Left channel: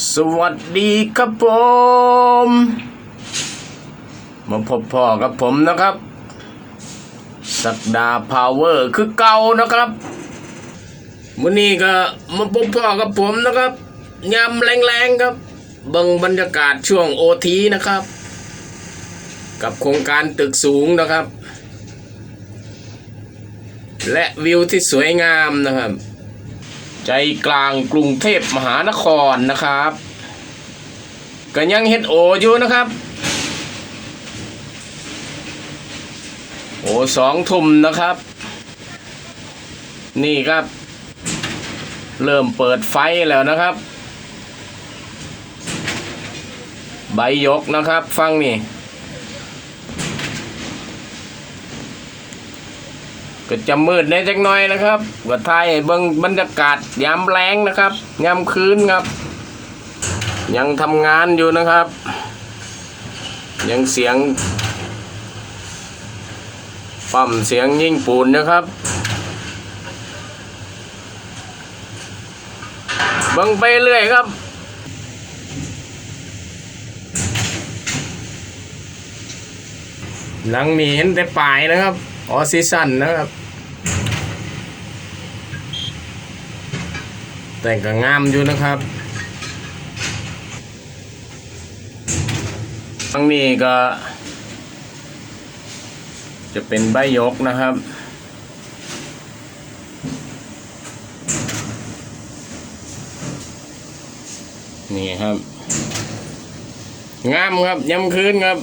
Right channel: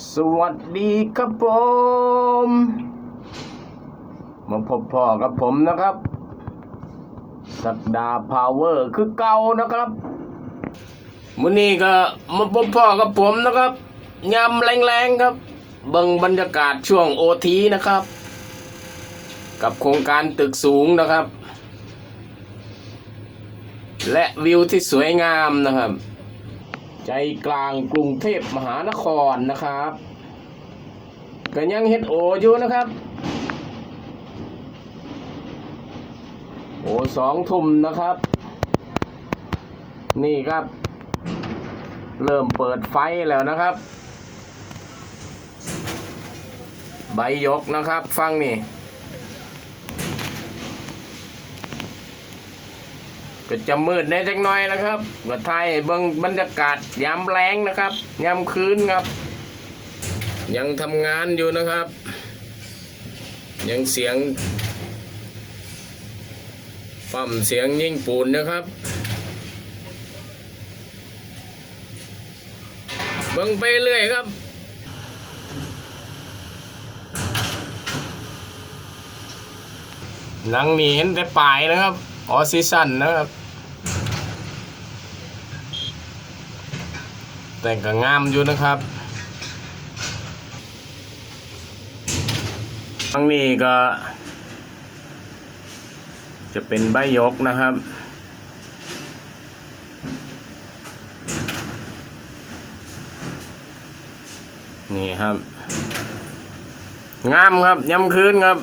สวัสดีครับผม มาพบพ่อกับผมนะครับ สักดาพาวเวอร์คือเก่านะครับมื้อนี้ก็มาพบพ่อกับผมนะครับยำแรงๆครับบังบรรยากาศช่วงโอทีนะครับ กับโครงการตึกสูงนะครับ และวิวที่สวยงามนะครับ ใจกลางกรุงเทพมหานครนะครับก็ยังเห็นโออยู่นะครับ โอสองทุ่มนะครับ นี่ครับ เริ่มเปิดไฟแล้วนะครับ ใบยกนะครับ ฟังนี่ ก็จะมืดในจักหน่อยนะครับก็ถ่ายให้เบิ่งบรรยากาศยามแรงนะครับยามคืนครับ ยังทำงานอยู่นะครับ ยังเสียงปั๊มเสียงยิ่งปูนนะครับบังไปเรื่อยครับ หลังนี้เห็นแต่ปลายนะครับ ออซีซันนะครับ แต่ก็งามอยู่นะครับทั้งนี้ก็ จะเป็นใบยกนะครับนี่ครับ งามครับย้ำคืนครับ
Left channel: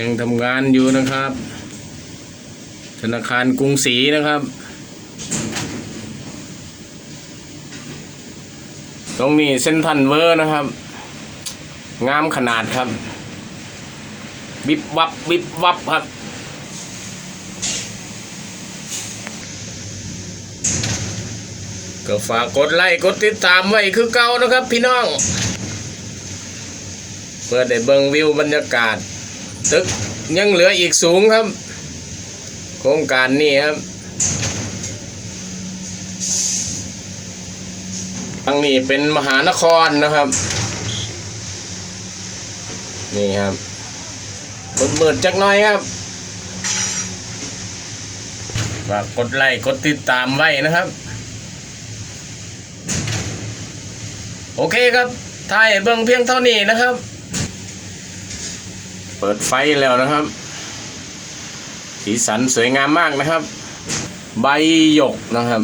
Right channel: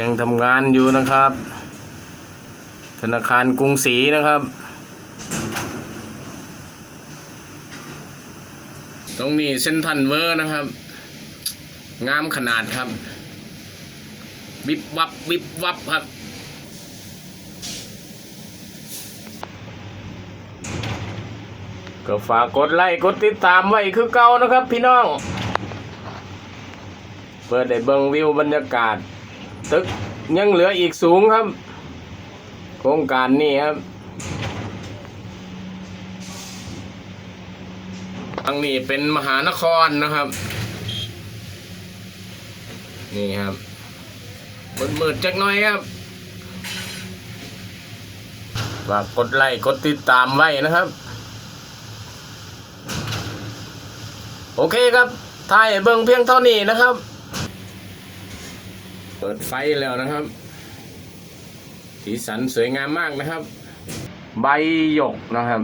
ยังทำงานอยู่นะครับ ธนาคารกรุงศรีนะครับ ตรงนี้เส้นทันเวอร์นะครับ งามขนาดครับวิบวับวิบวับครับก็ฝากกดไลค์กดติดตามไว้คือเก่านะครับพี่น้อง เปิดได้เบิ่งวิวบรรยากาศ ตึกยังเหลืออีกสูงครับ โครงการนี้ครับทางนี้เป็นมหานครนะครับ นี่ครับมืดๆจักหน่อยครับฝากกดไลค์กดติดตามไว้นะครับ โอเคครับถ่ายเบิ่งเพียงเท่านี้นะครับ เปิดไฟแล้วนะครับ สีสันสวยงามมากนะครับ ใบหยกนะครับ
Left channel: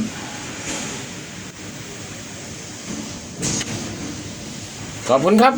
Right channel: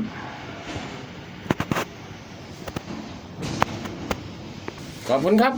ขอบคุณครับ